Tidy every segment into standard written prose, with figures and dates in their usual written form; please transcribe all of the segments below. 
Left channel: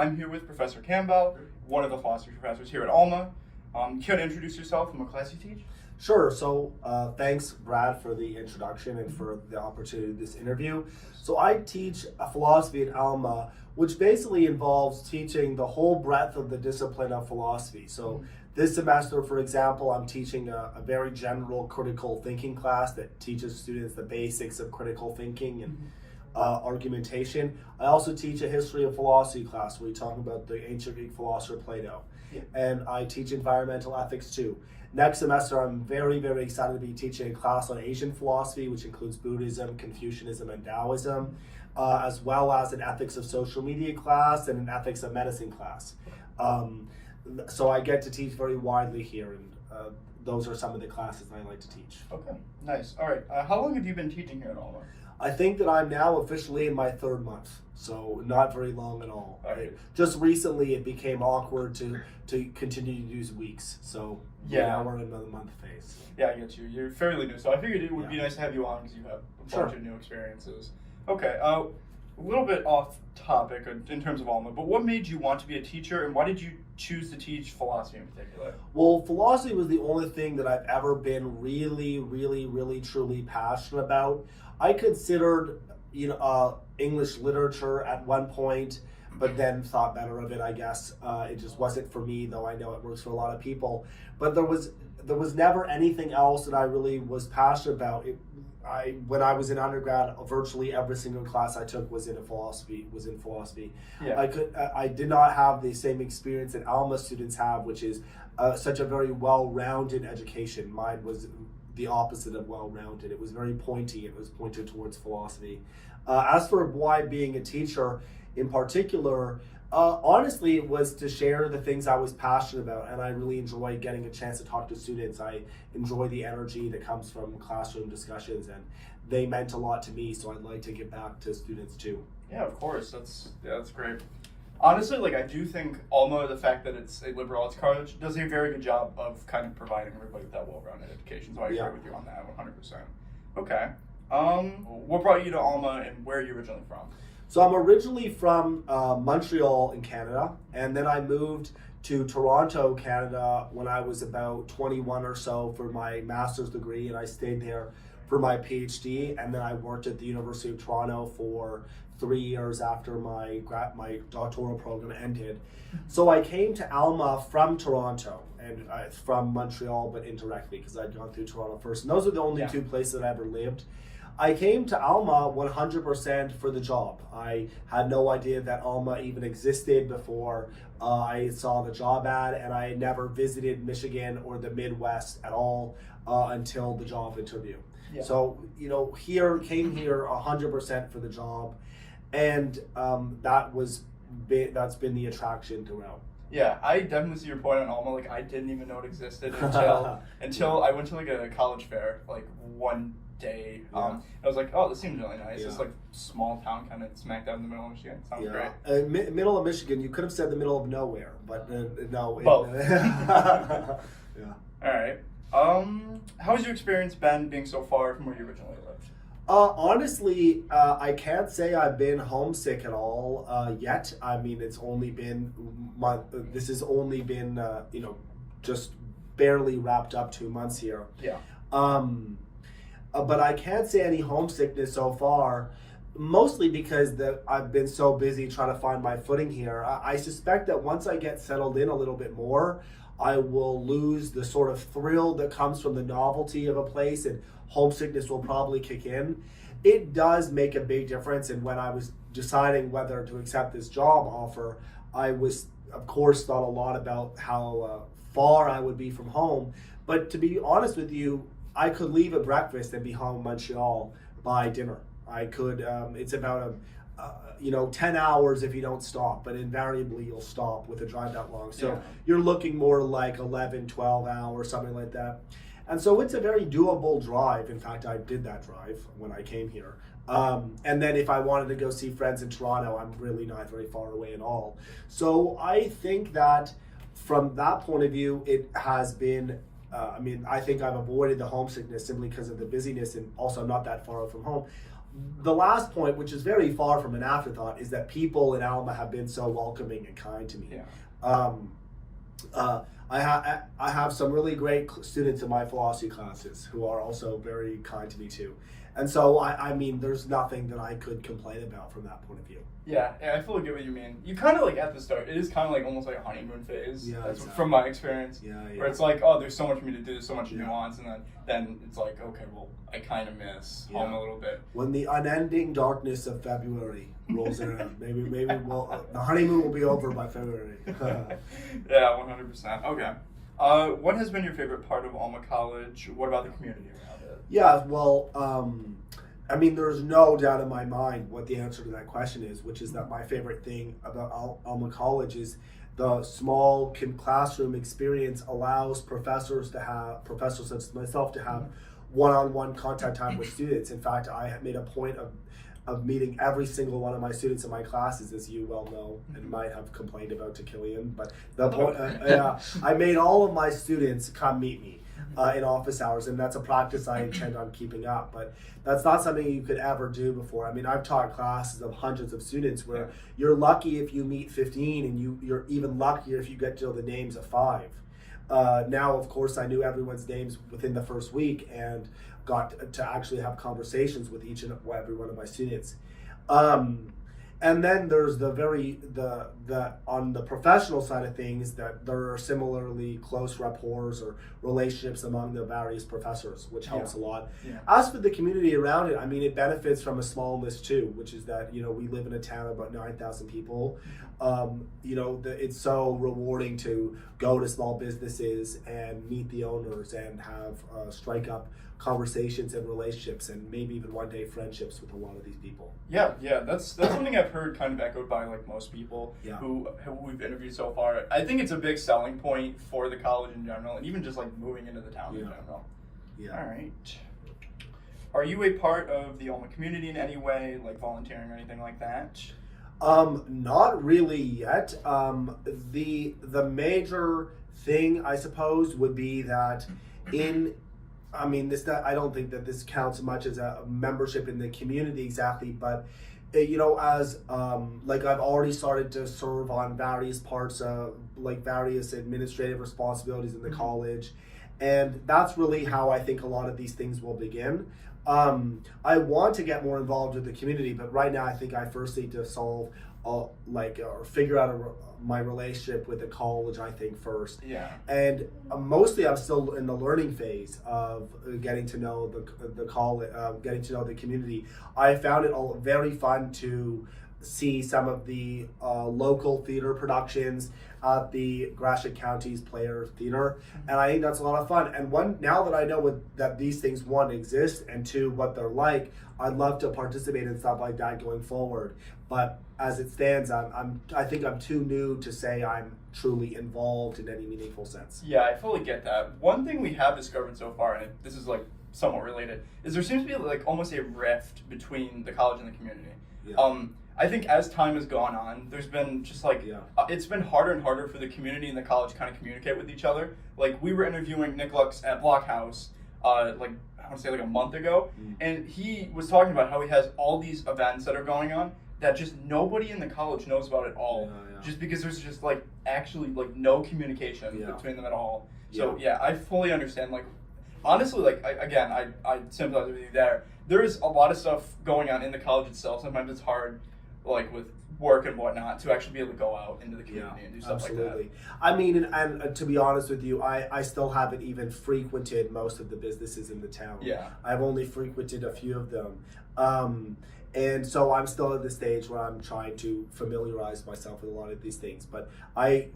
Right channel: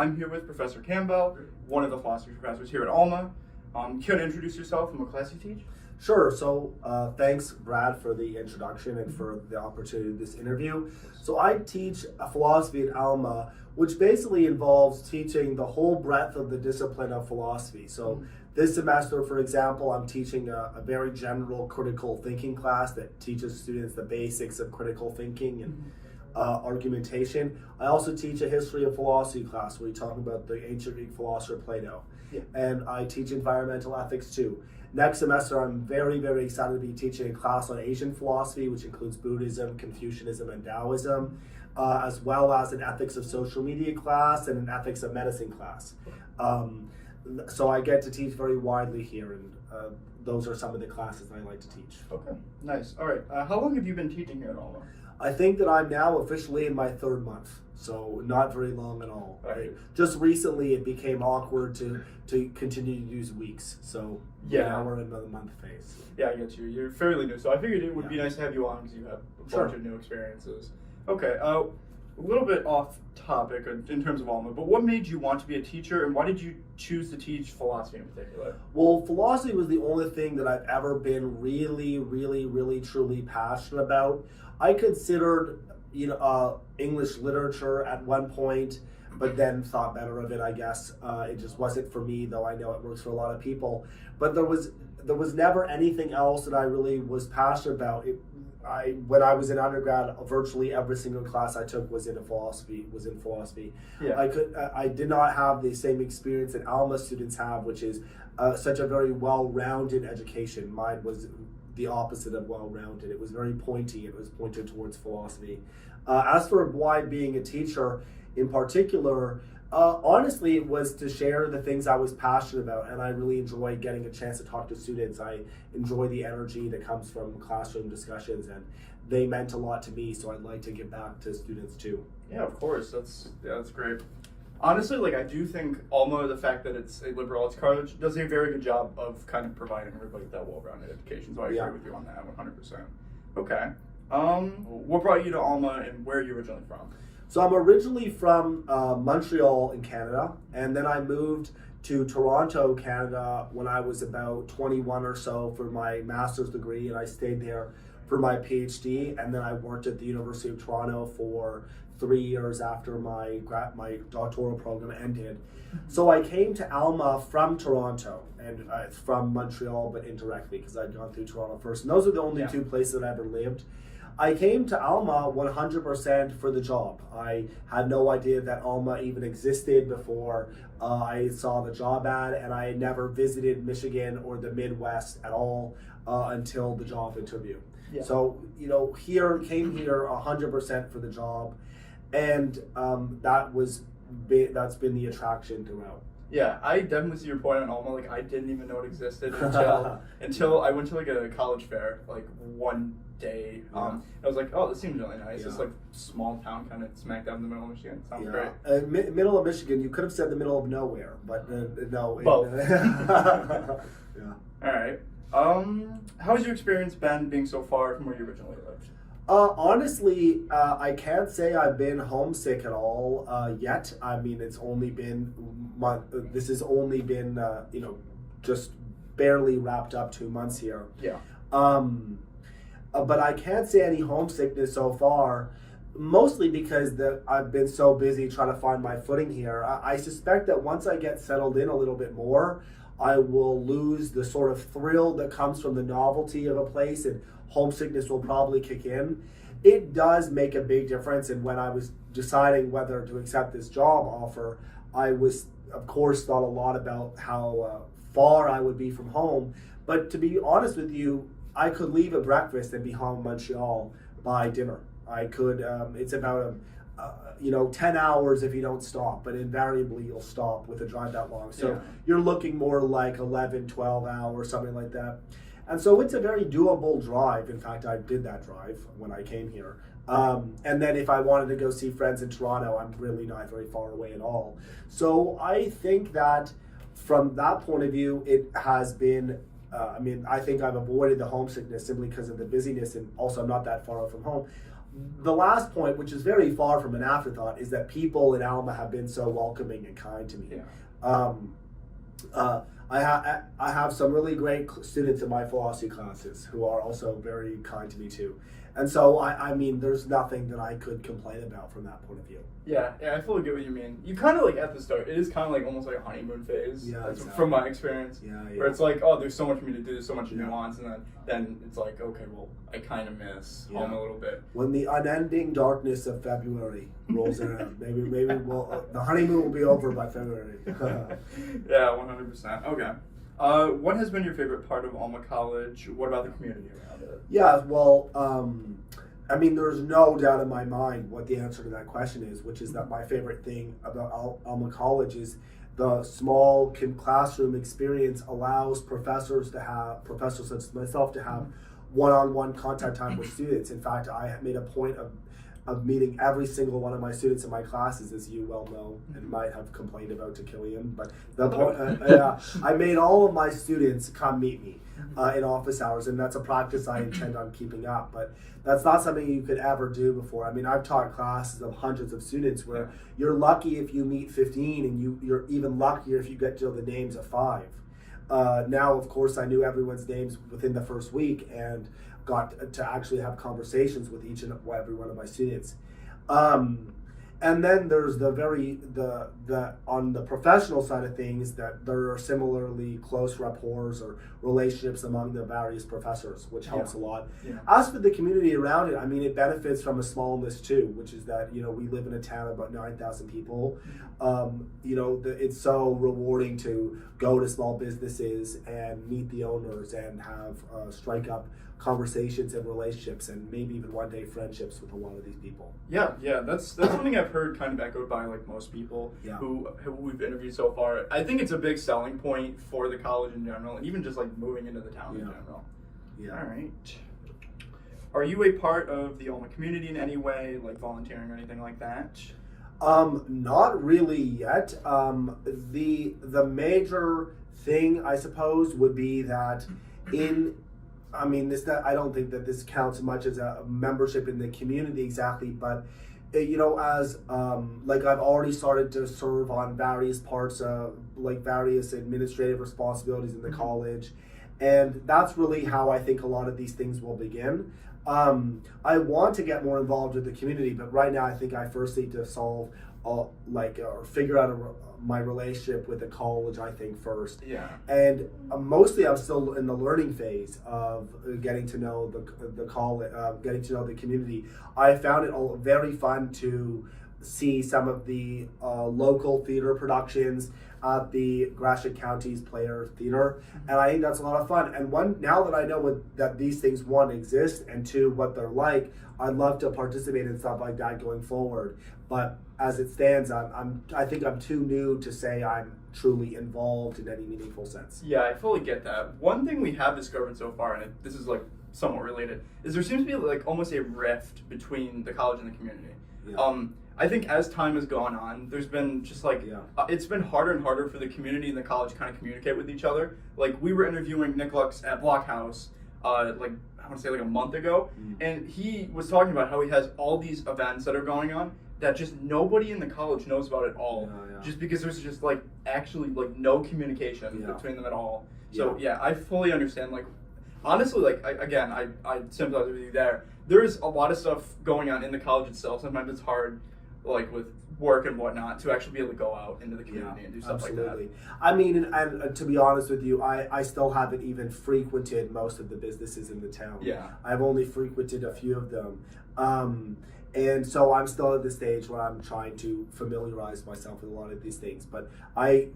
I'm here with Professor Campbell, one of the philosophy professors here at Alma. Can you introduce yourself and what class you teach? Sure. So thanks, Brad, for the introduction and for the opportunity of this interview. So I teach philosophy at Alma, which basically involves teaching the whole breadth of the discipline of philosophy. So this semester, for example, I'm teaching a very general critical thinking class that teaches students the basics of critical thinking and argumentation. I also teach a history of philosophy class where we talk about the ancient Greek philosopher Plato. And I teach environmental ethics too. Next semester, I'm very, very excited to be teaching a class on Asian philosophy, which includes Buddhism, Confucianism, and Taoism, as well as an ethics of social media class and an ethics of medicine class. So I get to teach very widely here, and those are some of the classes I like to teach. Okay, nice. All right, how long have you been teaching here at Alma? I think that I'm now officially in my third month, so not very long at all. Right. Just recently, it became awkward to continue to use weeks, so now we're in another month phase. Yeah, I get you. You're fairly new, so I figured it would be nice to have you on because you have a bunch of new experiences. Okay, a little bit off topic in terms of Alma, but what made you want to be a teacher, and why did you choose to teach philosophy in particular? Well, philosophy was the only thing that I've ever been really, really, really, truly passionate about. I considered, English literature at one point, but then thought better of it, I guess. It just wasn't for me, though I know it works for a lot of people. But there was never anything else that I really was passionate about. When I was in undergrad, virtually every single class I took was in philosophy. Yeah. I did not have the same experience that Alma students have, which is such a very well-rounded education. Mine was the opposite of well-rounded. It was very pointy. It was pointed towards philosophy. As for why being a teacher in particular, honestly, it was to share the things I was passionate about, and I really enjoy getting a chance to talk to students. I enjoy the energy that comes from classroom discussions, and they meant a lot to me, so I'd like to give back to students too. Yeah, of course. That's great. Honestly, I do think Alma, the fact that it's a liberal arts college, does a very good job of kind of providing everybody with that well-rounded education. So I agree with you on that 100%. Okay. What brought you to Alma, and where are you originally from? So I'm originally from Montreal in Canada, and then I moved to Toronto, Canada when I was about 21 or so for my master's degree, and I stayed there for my PhD, and then I worked at the University of Toronto for 3 years after my doctoral program ended. So I came to Alma from Toronto, and from Montreal, but indirectly because I'd gone through Toronto first. And those are the only two places that I ever lived. I came to Alma 100% for the job. I had no idea that Alma even existed before I saw the job ad, and I had never visited Michigan or the Midwest at all until the job interview. Yeah. So, came here 100% for the job, and that's been the attraction throughout. Yeah, I definitely see your point on Alma. I didn't even know it existed until I went to a college fair one day. I was like, oh, this seems really nice. It's small town, kind of smack dab in the middle of Michigan. Sounds great. Middle of Michigan. You could have said the middle of nowhere, but no. Both. Yeah. All right. How has your experience been being so far from where you originally lived? Honestly, I can't say I've been homesick at all yet. I mean, it's only been this has only been just barely wrapped up 2 months here. Yeah. But I can't say any homesickness so far, mostly because I've been so busy trying to find my footing here. I suspect that once I get settled in a little bit more, I will lose the sort of thrill that comes from the novelty of a place, and homesickness will probably kick in. It does make a big difference, and when I was deciding whether to accept this job offer, I was, of course, thought a lot about how far I would be from home. But to be honest with you, I could leave at breakfast and be home in Montreal by dinner. I could, it's about 10 hours if you don't stop, but invariably you'll stop with a drive that long. So you're looking more like 11, 12 hours, something like that. And so it's a very doable drive. In fact, I did that drive when I came here. And then if I wanted to go see friends in Toronto, I'm really not very far away at all. So I think that from that point of view, it has been, I think I've avoided the homesickness simply because of the busyness, and also I'm not that far from home. the last point, which is very far from an afterthought, is that people in Alma have been so welcoming and kind to me. Yeah. I have some really great students in my philosophy classes who are also very kind to me too. And so, I mean, there's nothing that I could complain about from that point of view. Yeah, I fully get what you mean. You kind of like at the start, it is kind of like almost like a honeymoon phase. Yeah, That's exactly. from my experience. Yeah. Where it's like, oh, there's so much for me to do, there's so much nuance, and then it's like, okay, well, I kind of miss home a little bit. When the unending darkness of February rolls around, maybe the honeymoon will be over by February. Yeah, 100%. Okay. What has been your favorite part of Alma College? What about the community around it? Yeah, well, I mean, there's no doubt in my mind what the answer to that question is, which is that my favorite thing about Alma College is the small classroom experience allows professors such as myself to have one-on-one contact time with students. In fact, I have made a point of meeting every single one of my students in my classes, as you well know, and might have complained about to Killian. But I made all of my students come meet me in office hours, and that's a practice I intend on keeping up. But that's not something you could ever do before. I mean, I've taught classes of hundreds of students where you're lucky if you meet 15, and you're even luckier if you get to know the names of 5. Now, of course, I knew everyone's names within the first week and got to actually have conversations with each and every one of my students. And then there's the on the professional side of things, that there are similarly close rapports or relationships among the various professors, which helps a lot. Yeah. As for the community around it, I mean, it benefits from a smallness too, which is that, you know, we live in a town of about 9,000 people. You know, it's so rewarding to go to small businesses and meet the owners and have strike up conversations and relationships, and maybe even one day friendships with a lot of these people. Yeah, that's something I've heard kind of echoed by like most people Yeah. who we've interviewed so far. I think it's a big selling point for the college in general, and even just like moving into the town in general. Yeah. All right. Are you a part of the Alma community in any way, like volunteering or anything like that? Not really yet. The major thing, I suppose, would be that I don't think that this counts much as a membership in the community exactly, but you know, as like I've already started to serve on various parts of like various administrative responsibilities in the college, and that's really how I think a lot of these things will begin. I want to get more involved with the community, but right now I think I first need to solve or figure out my relationship with the college, I think, first. Yeah. And mostly I'm still in the learning phase of getting to know the college, getting to know the community. I found it all very fun to see some of the local theater productions at the Gratiot County's Player Theater, and I think that's a lot of fun. And now that I know that these things, one, exist, and two, what they're like, I'd love to participate in stuff like that going forward. But as it stands, I think I'm too new to say I'm truly involved in any meaningful sense. Yeah, I fully get that. One thing we have discovered so far, and this is like somewhat related, is there seems to be like almost a rift between the college and the community. Yeah. I think as time has gone on, there's been just like, it's been harder and harder for the community and the college kind of communicate with each other. Like, we were interviewing Nick Lux at Blockhouse, like, I want to say like a month ago, and he was talking about how he has all these events that are going on that just nobody in the college knows about at all, just because there's just like actually like no communication between them at all. So I fully understand. Like, honestly, like I sympathize with you there. There's a lot of stuff going on in the college itself. Sometimes it's hard, like with work and whatnot, to actually be able to go out into the community and do stuff like that. I mean, and to be honest with you, I still haven't even frequented most of the businesses in the town. Yeah. I've only frequented a few of them. And so I'm still at the stage where I'm trying to familiarize myself with a lot of these things. But I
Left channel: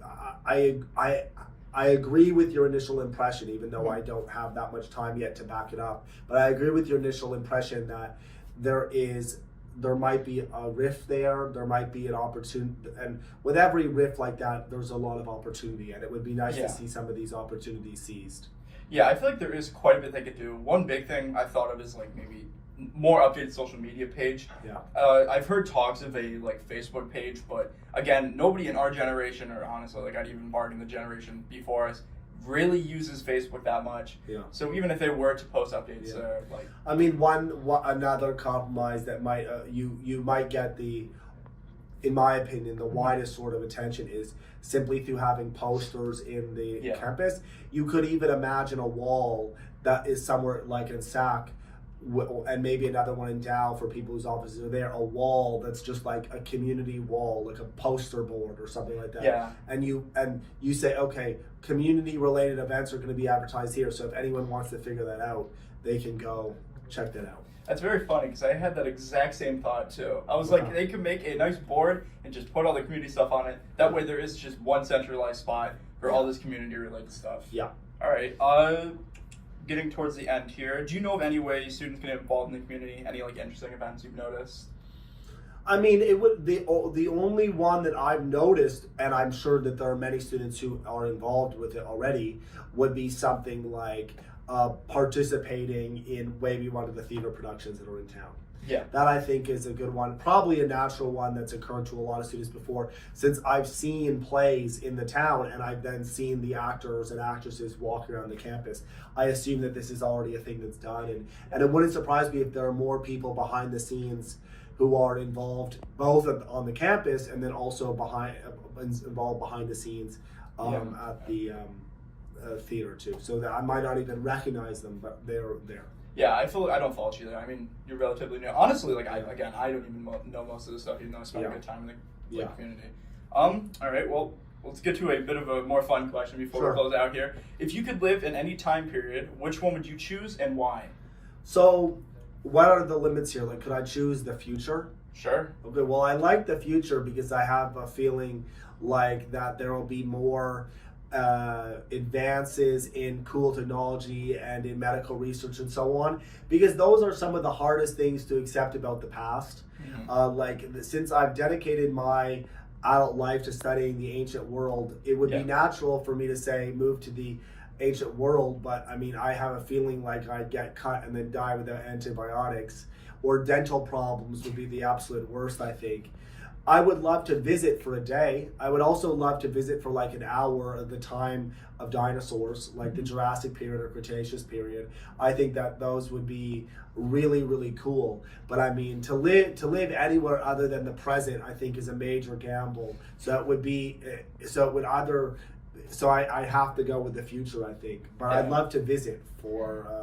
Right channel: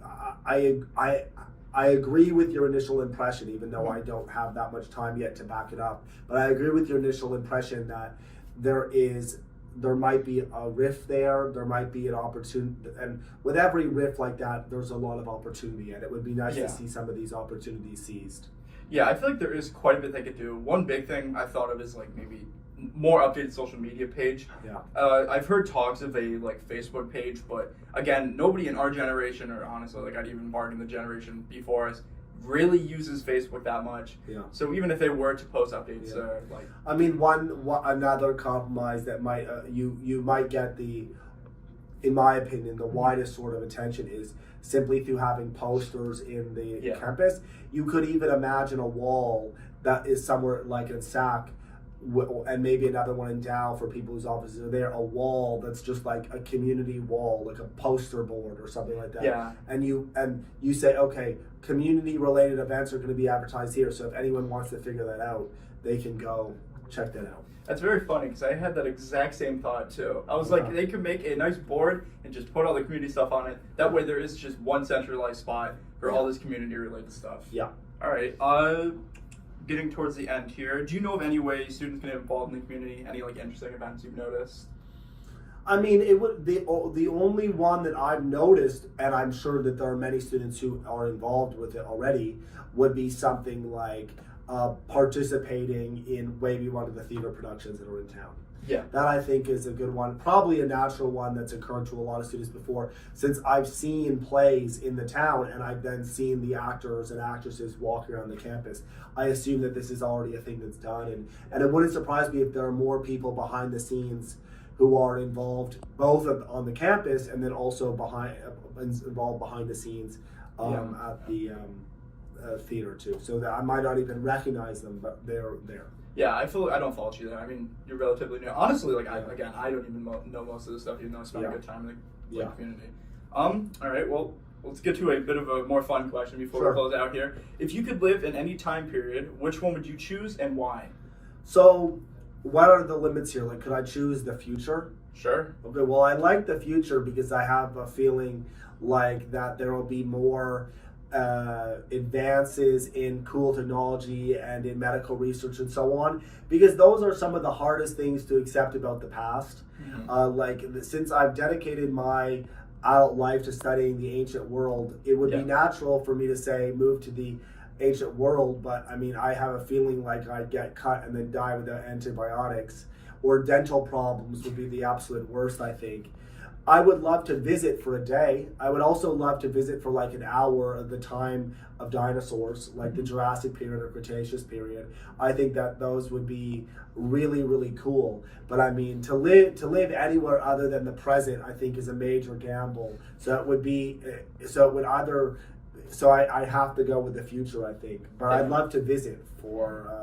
agree with your initial impression, even though I don't have that much time yet to back it up. But I agree with your initial impression that there might be a rift there, there might be an opportunity, and with every rift like that, there's a lot of opportunity, and it would be nice to see some of these opportunities seized. Yeah, I feel like there is quite a bit they could do. One big thing I thought of is like maybe more updated social media page. I've heard talks of a like Facebook page, but again, nobody in our generation, or honestly, like I'd even bargain the generation before us, really uses Facebook that much. Yeah. So even if they were to post updates, Yeah. like I mean, another compromise that might you might get in my opinion, the widest sort of attention is simply through having posters in the campus. You could even imagine a wall that is somewhere like in SAC, and maybe another one in Dow for people whose offices are there, a wall that's just like a community wall, like a poster board or something like that. Yeah. And you say, okay, community related events are going to be advertised here, so if anyone wants to figure that out, they can go check that out. That's very funny because I had that exact same thought too. I was like, they could make a nice board and just put all the community stuff on it. That way there is just one centralized spot for all this community related stuff. Yeah. All right. Getting towards the end here, do you know of any way students can get involved in the community? Any like interesting events you've noticed? I mean, it would the only one that I've noticed, and I'm sure that there are many students who are involved with it already, would be something like participating in maybe one of the theater productions that are in town. Yeah. That I think is a good one. Probably a natural one that's occurred to a lot of students before, since I've seen plays in the town and I've then seen the actors and actresses walking around the campus. I assume that this is already a thing that's done, and it wouldn't surprise me if there are more people behind the scenes who are involved both on the campus and then also involved behind the scenes at the theater too. So that I might not even recognize them, but they're there. Yeah, I don't fault you there. I mean, you're relatively new. Honestly, like I don't even know most of this stuff, even though I spent a good time in the community. All right, well, let's get to a bit of a more fun question before we close out here. If you could live in any time period, which one would you choose and why? So, what are the limits here? Like, could I choose the future? Sure. Okay, well, I like the future because I have a feeling like that there will be more advances in cool technology and in medical research and so on, because those are some of the hardest things to accept about the past. Mm-hmm. Since I've dedicated my adult life to studying the ancient world, it would be natural for me to say move to the ancient world, but I mean, I have a feeling like I'd get cut and then die without antibiotics, or dental problems would be the absolute worst, I think. I would love to visit for a day. I would also love to visit for like an hour of the time of dinosaurs, like the Jurassic period or Cretaceous period. I think that those would be really, really cool. But I mean, to live anywhere other than the present, I think is a major gamble. So I have to go with the future, I think. But I'd love to visit for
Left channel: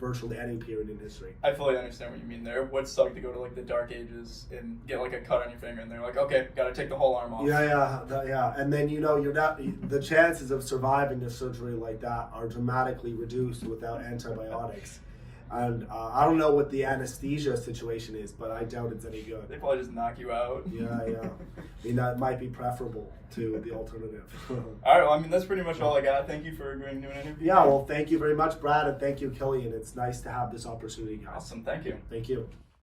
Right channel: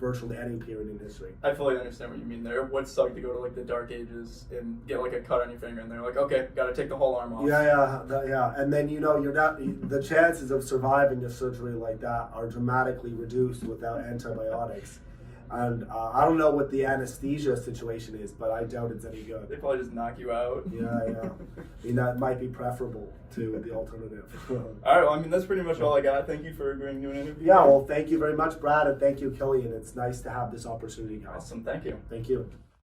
virtually any period in history. I fully understand what you mean there. It would suck to go to like the Dark Ages and get like a cut on your finger, and they're like, okay, gotta take the whole arm off. Yeah. And then you're not. The chances of surviving a surgery like that are dramatically reduced without antibiotics. And I don't know what the anesthesia situation is, but I doubt it's any good. They probably just knock you out. Yeah. I mean, that might be preferable to the alternative. All right, well, I mean, that's pretty much all I got. Thank you for agreeing to do an interview. Yeah, well, thank you very much, Brad, and thank you, Killian. It's nice to have this opportunity, guys. Awesome, thank you. Thank you.